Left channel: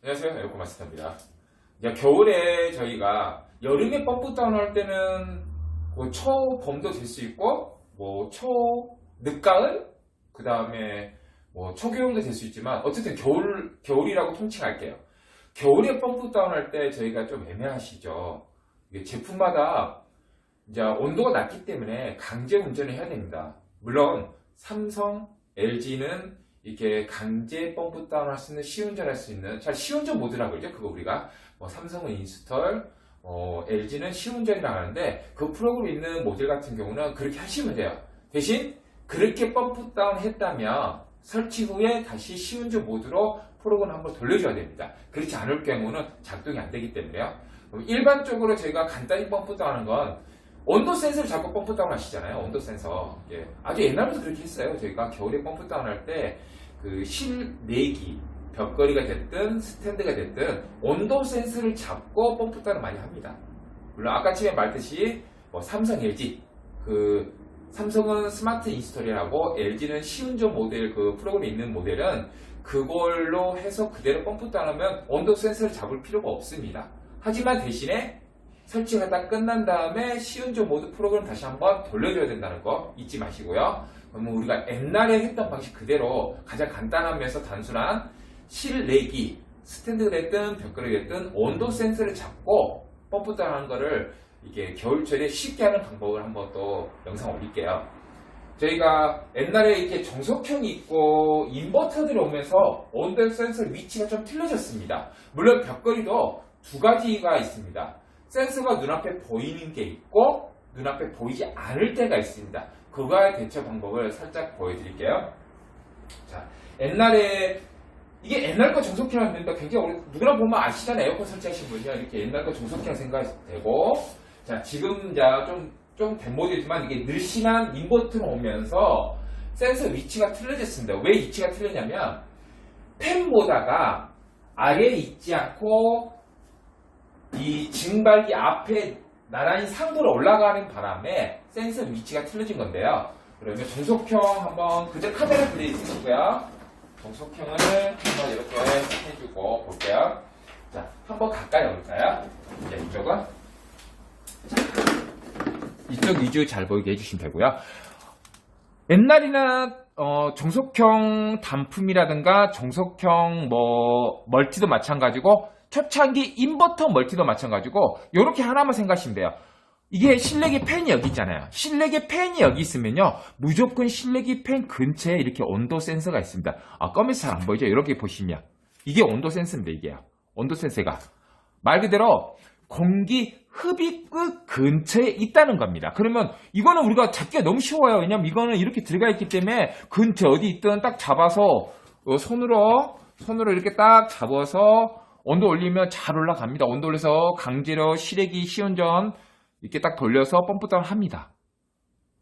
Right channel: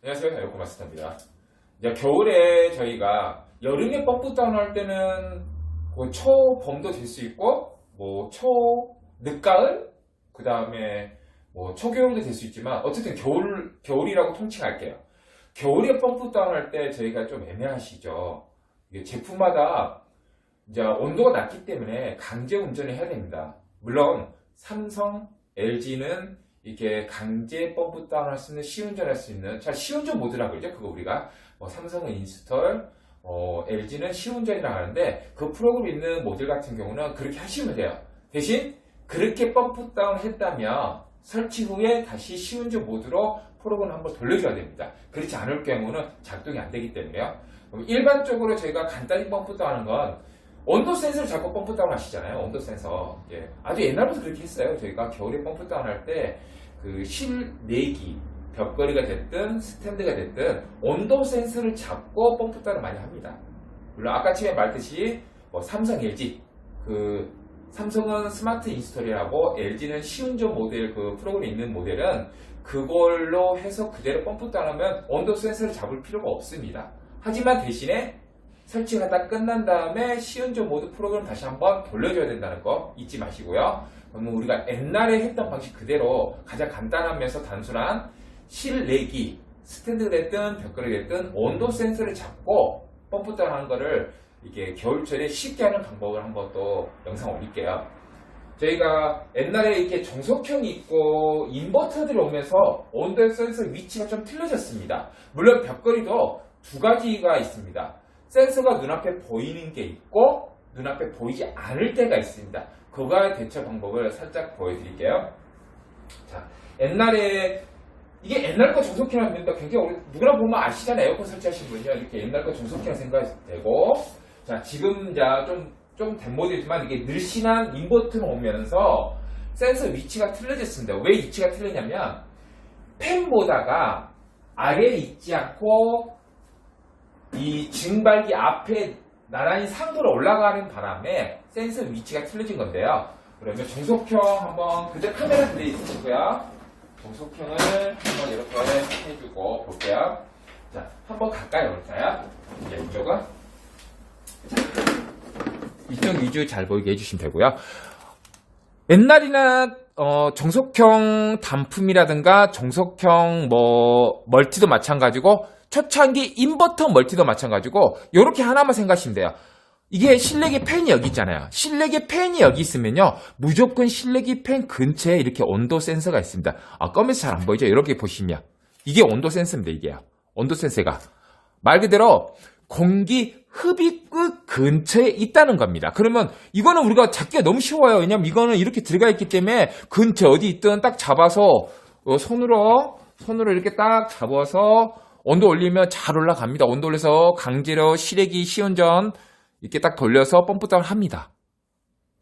안녕하세요, 에어컨 마스터입니다. 이제 겨울에 저희가 여름에 펌프 다운 할 때는 그 초봄도 될 수 있고, 뭐 늦가을, 그 다음에 뭐 초겨울도 될 수 있지만, 어쨌든 겨울이라고 통칭할게요. 겨울에 펌프 다운 할 때 저희가 좀 애매하시죠. 이게 제품마다 이제 온도가 낮기 때문에 강제 운전을 해야 됩니다. 물론 삼성, LG는 이렇게 강제 펌프 다운 할 수 있는 시운전 할 수 있는 시운전 모드라고 그러죠. 그거 우리가 삼성은 인스톨, LG는 시운전이라고 하는데 그 프로그램 있는 모델 같은 경우는 그렇게 하시면 돼요. 대신 그렇게 펌프 다운 했다면 설치 후에 다시 시운전 모드로 프로그램을 한번 돌려줘야 됩니다. 그렇지 않을 경우는 작동이 안 되기 때문에요. 일반적으로 저희가 간단히 펌프 다운하는 건 온도 센서를 잡고 펌프 다운 하시잖아요. 온도 센서. 예. 아주 옛날부터 그렇게 했어요. 저희가 겨울에 펌프 다운 할 때 그 실내기, 벽걸이가 됐든 스탠드가 됐든 온도 센서를 잡고 펌프 다운을 많이 합니다. 물론 아까 처음에 말했듯이 삼성, LG 삼성은 스마트 인스톨이라고 LG는 시운전 모델 그 프로그램이 있는 모델은 그걸로 해서 그대로 펌프 다운하면 온도 센서를 잡을 필요가 없습니다. 하지만 대신에 설치가 다 끝난 다음에 시운전 모드 프로그램 다시 한번 돌려줘야 된다는 거 잊지 마시고요. 그러면 우리가 옛날에 했던 방식 그대로 가장 간단하면서 단순한 실내기, 스탠드가 됐든 벽걸이 됐든 온도 센서를 잡고 펌프 다운하는 거를 이게 겨울철에 쉽게 하는 방법을 한번 또 영상 올릴게요. 저희가 옛날에 이렇게 정석형이 있고 인버터들이 오면서 온도 센서 위치가 좀 틀려졌습니다. 물론 벽걸이도 두 가지가 있습니다. 센서가 눈앞에 보이는 게 있고 눈앞에 보이지 않을 때가 있습니다. 그거의 대처 방법을 살짝 보여드릴게요. 자, 이게 옛날 거 정석기라는 멤버 굉장히 누구나 보면 아시잖아요. 에어컨 설치하신 분이요. 이렇게 옛날 거 정석기라 생각하셔도 되고, 자, 지금 좀 된 모델이지만 이게 늘씬한 인버터가 오면서 센서 위치가 틀려졌습니다. 왜 위치가 틀리냐면 펜 모다가 아래에 있지 않고 이 증발기 앞에 나란히 상도로 올라가는 바람에 센서 위치가 틀려진 건데요. 그러면 정석형 한번 그저 카메라 들이있으시고요. 정석형을 한번 이렇게 해주고 볼게요. 자, 한번 가까이 올까요? 자, 이쪽은 이쪽 위주 잘 보이게 해주시면 되고요. 옛날이나 정석형 단품이라든가 정석형 멀티도 마찬가지고 초창기 인버터 멀티도 마찬가지고 이렇게 하나만 생각하시면 돼요. 이게 실내기 팬이 여기 있잖아요. 실내기 팬이 여기 있으면요 무조건 실내기 팬 근처에 이렇게 온도 센서가 있습니다. 검은색 잘 안 보이죠? 이렇게 보시면 이게 온도 센서입니다. 이게요. 온도 센서가 말 그대로 공기 흡입구 근처에 있다는 겁니다. 그러면 이거는 우리가 잡기가 너무 쉬워요. 왜냐면 이거는 이렇게 들어가 있기 때문에 근처 어디 있든 딱 잡아서 손으로 이렇게 딱 잡아서 온도 올리면 잘 올라갑니다. 온도 올려서 강제로 실외기 시운전 이렇게 딱 돌려서 펌프 다운 합니다.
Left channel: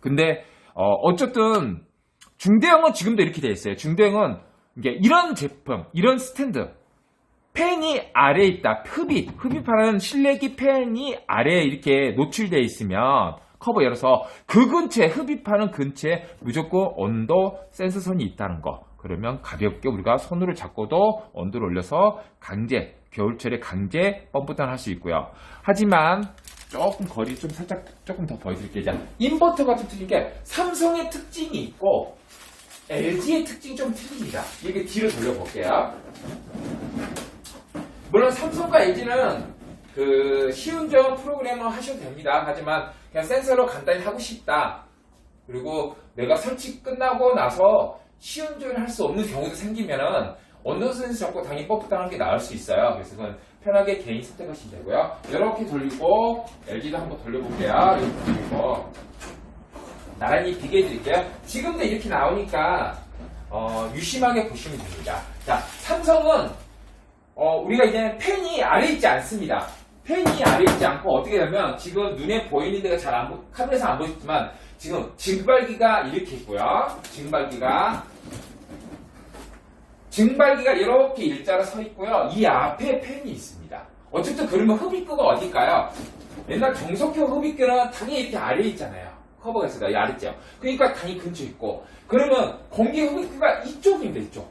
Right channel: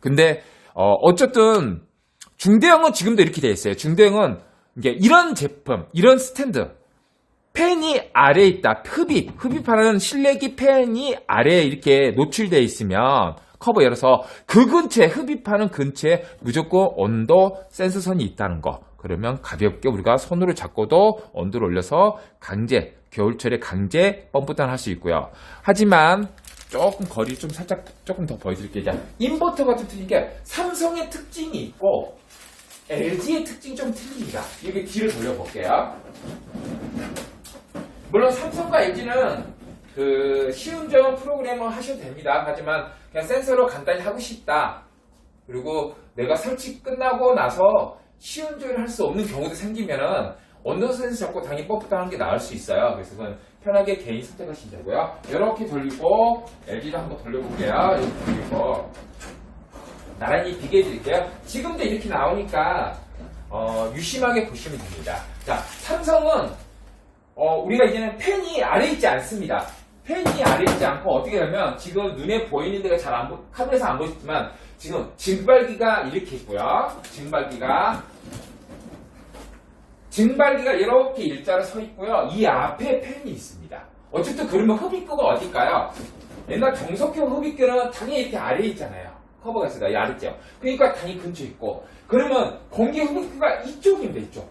근데 어쨌든 중대형은 지금도 이렇게 되어 있어요. 중대형은 이게 이런 제품, 이런 스탠드 팬이 아래에 있다. 흡입하는 실내기 팬이 아래에 이렇게 노출되어 있으면 커버 열어서 그 근처에 흡입하는 근처에 무조건 온도 센서선이 있다는 거. 그러면 가볍게 우리가 손으로 잡고도 온도를 올려서 겨울철에 강제 펌프 다운 할 수 있고요. 하지만 조금 거리 조금 더 보여드릴게요. 자, 인버터 같은 특징인 게 삼성의 특징이 있고 LG의 특징이 좀 틀립니다. 여기 뒤를 돌려볼게요. 물론 삼성과 LG는 그 시운전 프로그램을 하셔도 됩니다. 하지만 그냥 센서로 간단히 하고 싶다. 그리고 내가 설치 끝나고 나서 시운전을 할 수 없는 경우도 생기면은 온도 센서 잡고 당연히 펌프 다운하는 게 나을 수 있어요. 그래서 그건 편하게 개인 선택하시면 되고요. 이렇게 돌리고 LG도 한번 돌려볼게요. 이렇게 돌리고 나란히 비교해 드릴게요. 지금도 이렇게 나오니까 유심하게 보시면 됩니다. 자, 삼성은 우리가 이제는 팬이 아래에 있지 않습니다. 팬이 아래에 있지 않고 어떻게 되면 지금 눈에 보이는 데가 카메라에서 안 보이지만 지금 증발기가 이렇게 있고요. 증발기가 이렇게 일자로 서 있고요. 이 앞에 팬이 있습니다. 어쨌든 그러면 흡입구가 어딜까요? 옛날 정석형 흡입구는 당연히 이렇게 아래에 있잖아요. 커버가 있어요. 이 아래죠. 그러니까 당연히 근처에 있고. 그러면 공기 흡입구가 이쪽입니다. 이쪽.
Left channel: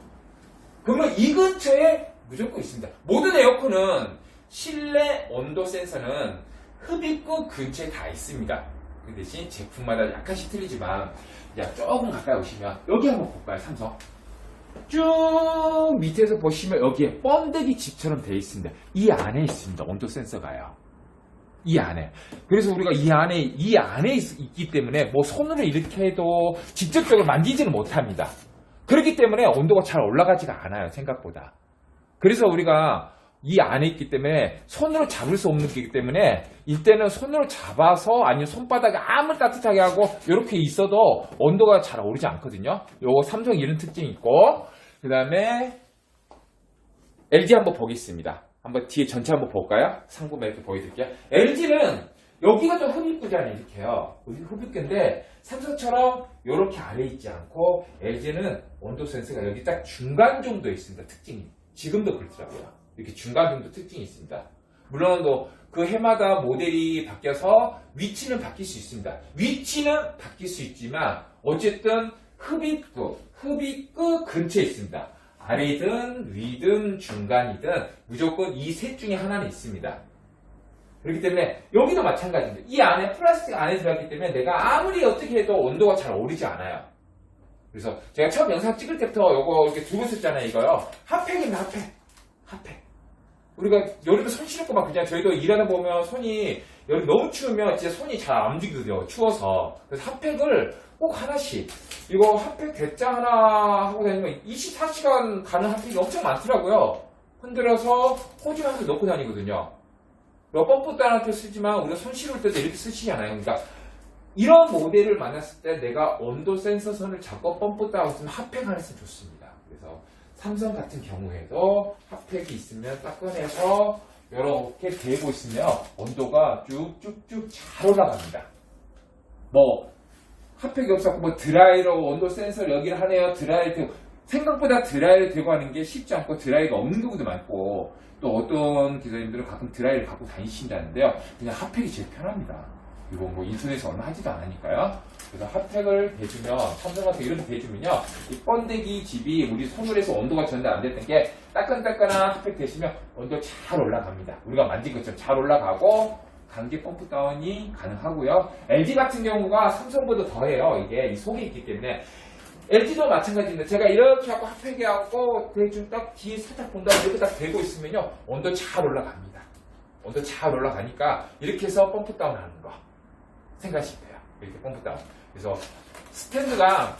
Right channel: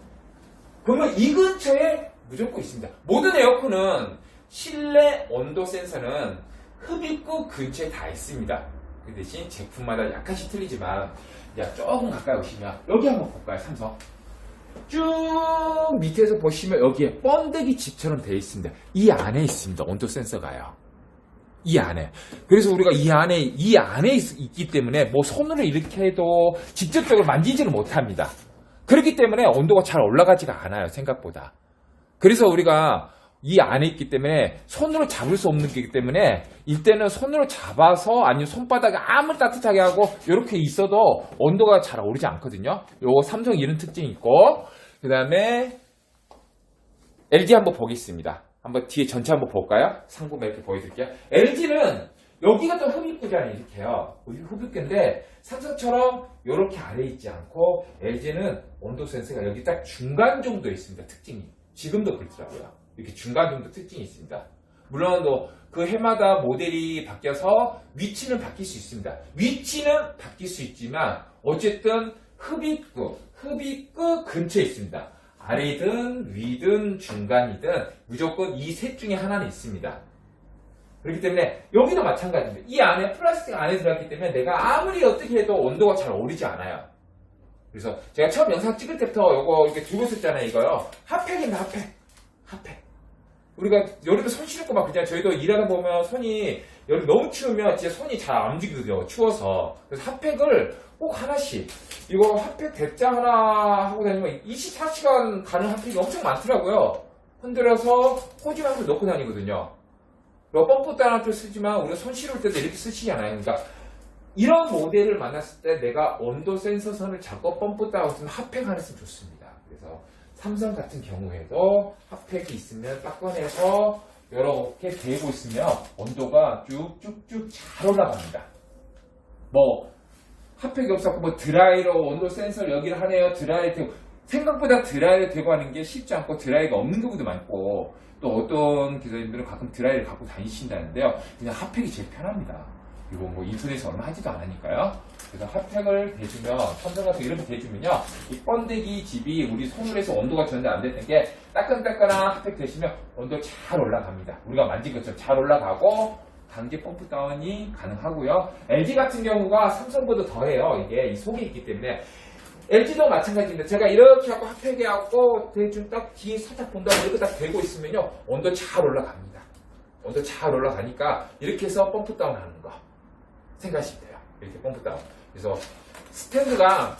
그러면 이 근처에 무조건 있습니다. 모든 에어컨은 실내 온도 센서는 흡입구 근처에 다 있습니다. 그 대신 제품마다 약간씩 틀리지만 조금 가까이 오시면 여기 한번 볼까요? 삼성 쭉 밑에서 보시면 여기에 번데기 집처럼 되어 있습니다. 이 안에 있습니다. 온도 센서가요. 이 안에. 그래서 우리가 이 안에 있기 때문에 뭐 손으로 이렇게 해도 직접적으로 만지지는 못합니다. 그렇기 때문에 온도가 잘 올라가지가 않아요. 생각보다. 그래서 우리가 이 안에 있기 때문에 손으로 잡을 수 없는 거기 때문에 이때는 손으로 잡아서 아니면 손바닥에 아무리 따뜻하게 하고 이렇게 있어도 온도가 잘 오르지 않거든요. 요거 삼성 이런 특징이 있고, 그 다음에 LG 한번 보겠습니다. 한번 뒤에 전체 한번 볼까요? 상부만 이렇게 보여드릴게요. LG는 여기가 좀 흡입구잖아요. 이렇게요. 흡입구인데 삼성처럼 이렇게 아래 있지 않고 LG는 온도 센서가 여기 딱 중간 정도에 있습니다. 특징이. 지금도 그렇더라고요. 이렇게 중간 정도 특징이 있습니다. 물론 그 해마다 모델이 바뀌어서 위치는 바뀔 수 있습니다. 위치는 바뀔 수 있지만 어쨌든 흡입구 근처에 있습니다. 아래든 위든 중간이든 무조건 이 셋 중에 하나는 있습니다. 그렇기 때문에 여기도 마찬가지입니다. 이 안에 플라스틱 안에 들어갔기 때문에 내가 아무리 어떻게 해도 온도가 잘 오르지 않아요. 그래서 제가 처음 영상 찍을 때부터 이거 이렇게 들고 있었잖아요. 이거요. 핫팩입니다. 핫팩. 우리가 여름에 손 시렵고 막 그냥 저희도 일하다 보면 손이 여름 너무 추우면 진짜 손이 잘 안 움직이거든요. 추워서. 그래서 핫팩을 꼭 하나씩. 이거 핫팩 대짜 하나 하고 다니면 24시간 가는 핫팩이 엄청 많더라고요. 흔들어서 호지만서 넣고 다니거든요. 펌프 따라도 쓰지만 우리가 손 시려울 때도 이렇게 쓰시잖아요. 그러니까 이런 모델을 만났을 때 내가 온도 센서 선을 잡고 펌프 따라 쓰면 핫팩 하나 있으면 좋습니다. 그래서 삼성 같은 경우에도 핫팩이 있으면 딱 꺼내서 이렇게 대고 있으면 온도가 쭉쭉쭉 잘 올라갑니다. 뭐 핫팩이 없었고 뭐 드라이로 온도 센서를 여기를 하네요. 드라이 대고 생각보다 드라이를 대고 하는 게 쉽지 않고 드라이가 없는 경우도 많고 또 어떤 기사님들은 가끔 드라이를 갖고 다니신다는데요. 그냥 핫팩이 제일 편합니다. 이거 뭐 인터넷에 얼마 하지도 않으니까요. 그래서 핫팩을 대주면 삼성 같은 이렇게 대주면요. 이 번데기 집이 우리 손으로 해서 온도가 전달 안 됐던 게 따끈따끈한 핫팩 대시면 온도 잘 올라갑니다. 우리가 만진 것처럼 잘 올라가고 강제 펌프 다운이 가능하고요. LG 같은 경우가 삼성보다 더해요. 이게 이 속에 있기 때문에 LG도 마찬가지입니다. 제가 이렇게 하고 핫팩에 하고 대충 딱 뒤에 살짝 본 다음에 이렇게 딱 대고 있으면요. 온도 잘 올라갑니다. 온도 잘 올라가니까 이렇게 해서 펌프 다운 하는 거 생각하시면 돼요. 이렇게 펌프 다운. 그래서 스탠드가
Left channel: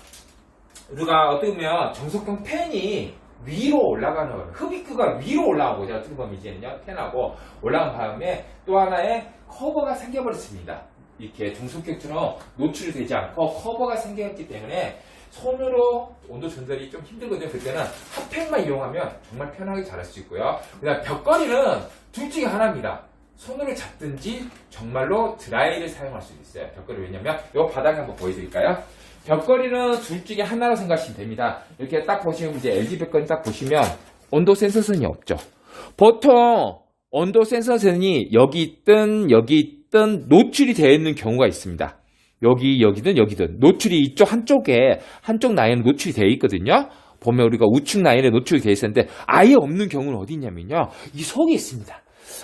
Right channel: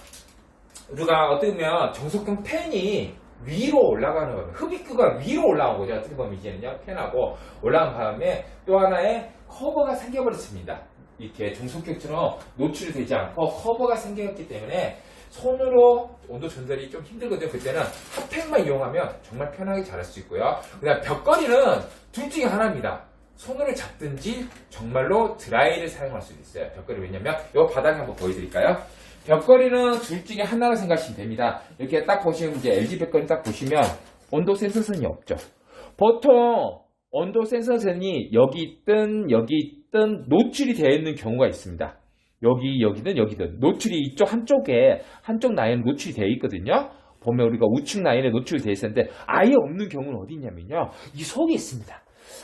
우리가 어떻게 보면 정석형 팬이 위로 올라가는 거예요. 흡입구가 위로 올라온 거죠. 어떻게 보면 이제는요. 팬하고 올라간 다음에 또 하나의 커버가 생겨버렸습니다. 이렇게 정석형처럼 노출이 되지 않고 커버가 생겼기 때문에 손으로 온도 전달이 좀 힘들거든요. 그때는 핫팩만 이용하면 정말 편하게 잘할 수 있고요. 그 다음 벽걸이는 둘 중에 하나입니다. 손으로 잡든지 정말로 드라이를 사용할 수도 있어요. 벽걸이 왜냐면 이 바닥에 한번 보여드릴까요? 벽걸이는 둘 중에 하나로 생각하시면 됩니다. 이렇게 딱 보시면 이제 LG 벽걸이 딱 보시면 온도 센서선이 없죠. 보통 온도 센서선이 여기 있든 노출이 되어 있는 경우가 있습니다. 여기든 노출이 이쪽 한쪽 라인에 노출이 되어 있거든요. 보면 우리가 우측 라인에 노출이 되어 있었는데 아예 없는 경우는 어디 있냐면요. 이 속에 있습니다.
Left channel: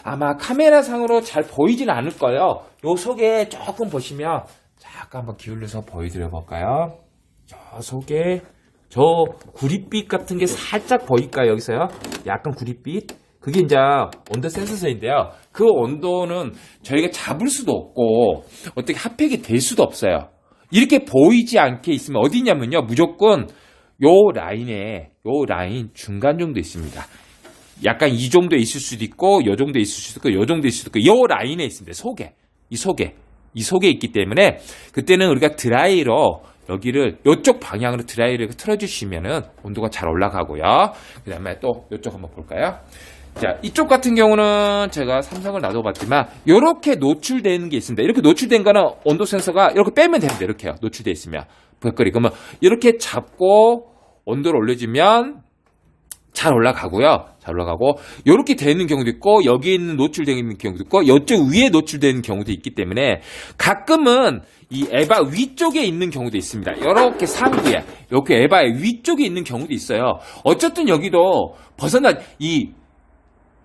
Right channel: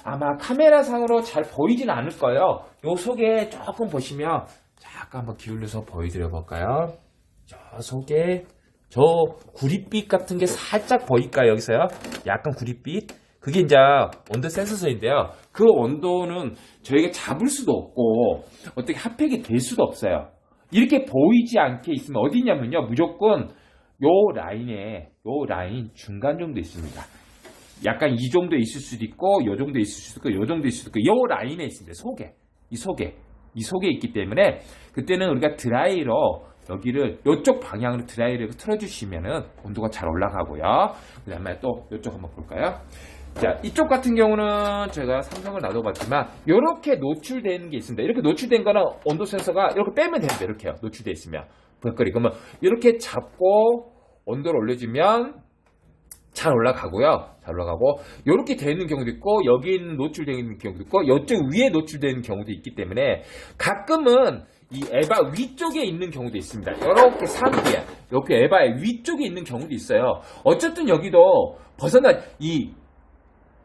아마 카메라상으로 잘 보이진 않을 거예요. 요 속에 조금 보시면 잠깐 한번 기울여서 보여드려 볼까요? 저 속에 저 구릿빛 같은 게 살짝 보일까요? 여기서요. 약간 구릿빛. 그게 이제 온도 센서선인데요. 그 온도는 저희가 잡을 수도 없고 어떻게 핫팩이 될 수도 없어요. 이렇게 보이지 않게 있으면 어디 있냐면요. 무조건 요 라인 중간 정도 있습니다. 약간 이 정도 있을 수도 있고 요 정도 있을 수도 있고 요 정도 있을 수도 있고 요 라인에 있습니다. 이 속에 있기 때문에 그때는 우리가 드라이로 여기를 이쪽 방향으로 드라이를 틀어주시면은 온도가 잘 올라가고요. 그 다음에 또 이쪽 한번 볼까요? 자, 이쪽 같은 경우는 제가 삼성을 놔둬봤지만 이렇게 노출되는 게 있습니다. 이렇게 노출된 거는 온도 센서가 이렇게 빼면 됩니다. 이렇게요. 노출되어 있으면 벽걸이 그러면 이렇게 잡고 온도를 올려주면 잘 올라가고요. 잘 올라가고 이렇게 되는 경우도 있고 여기 있는 노출되는 경우도 있고 이쪽 위에 노출되는 경우도 있기 때문에 가끔은 이 에바 위쪽에 있는 경우도 있습니다. 이렇게 상부에, 이렇게 에바의 위쪽에 있는 경우도 있어요. 어쨌든 여기도 이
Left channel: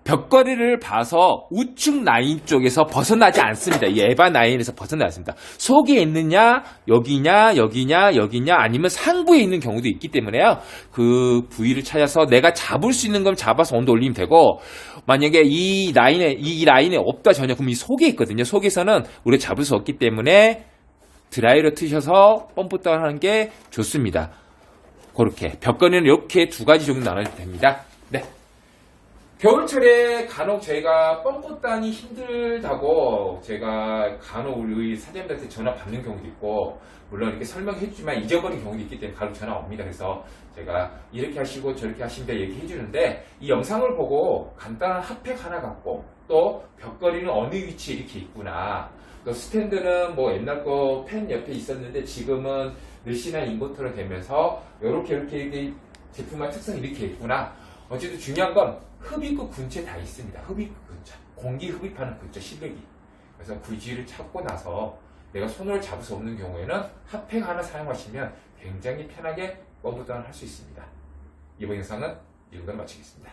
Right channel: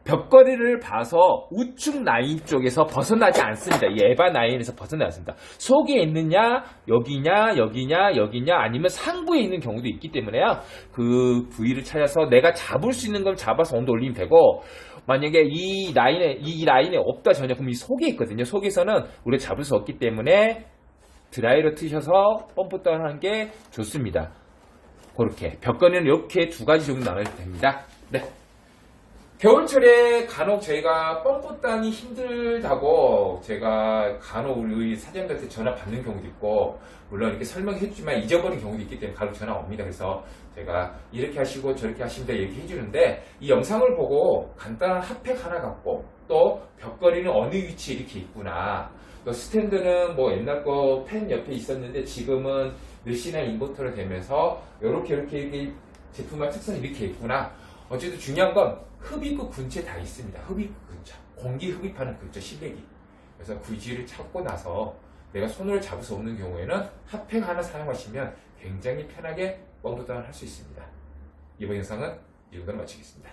벽걸이를 봐서 우측 라인 쪽에서 벗어나지 않습니다. 이 에바 라인에서 벗어나지 않습니다. 속에 있느냐, 여기냐, 여기냐, 여기냐, 아니면 상부에 있는 경우도 있기 때문에요. 그 부위를 찾아서 내가 잡을 수 있는 건 잡아서 온도 올리면 되고, 만약에 이 라인에 없다 전혀, 그럼 이 속에 있거든요. 속에서는 우리가 잡을 수 없기 때문에 드라이로 트셔서 펌프 다운하는 게 좋습니다. 그렇게 벽걸이는 이렇게 두 가지 정도 나눠도 됩니다. 네. 겨울철에 간혹 저희가 펌프 다운이 힘들다고 제가 간혹 우리 사장님들한테 전화 받는 경우도 있고, 물론 이렇게 설명해 주지만 잊어버린 경우도 있기 때문에 간혹 전화 옵니다. 그래서 제가 이렇게 하시고 저렇게 하시면 돼 얘기해 주는데, 이 영상을 보고 간단한 핫팩 하나 갖고, 또 벽걸이는 어느 위치에 이렇게 있구나, 또 스탠드는 뭐 옛날 거 펜 옆에 있었는데 지금은 메시나 인버터로 되면서 이렇게 제품의 특성이 이렇게 있구나. 어쨌든 중요한 건 흡입구 근처에 다 있습니다. 흡입구 근처, 공기 흡입하는 근처 실내기. 그래서 구지를 찾고 나서 내가 손으로 잡을 수 없는 경우에는 핫팩 하나 사용하시면 굉장히 편하게 펌프 다운을 할 수 있습니다. 이번 영상은 이 정도로 마치겠습니다.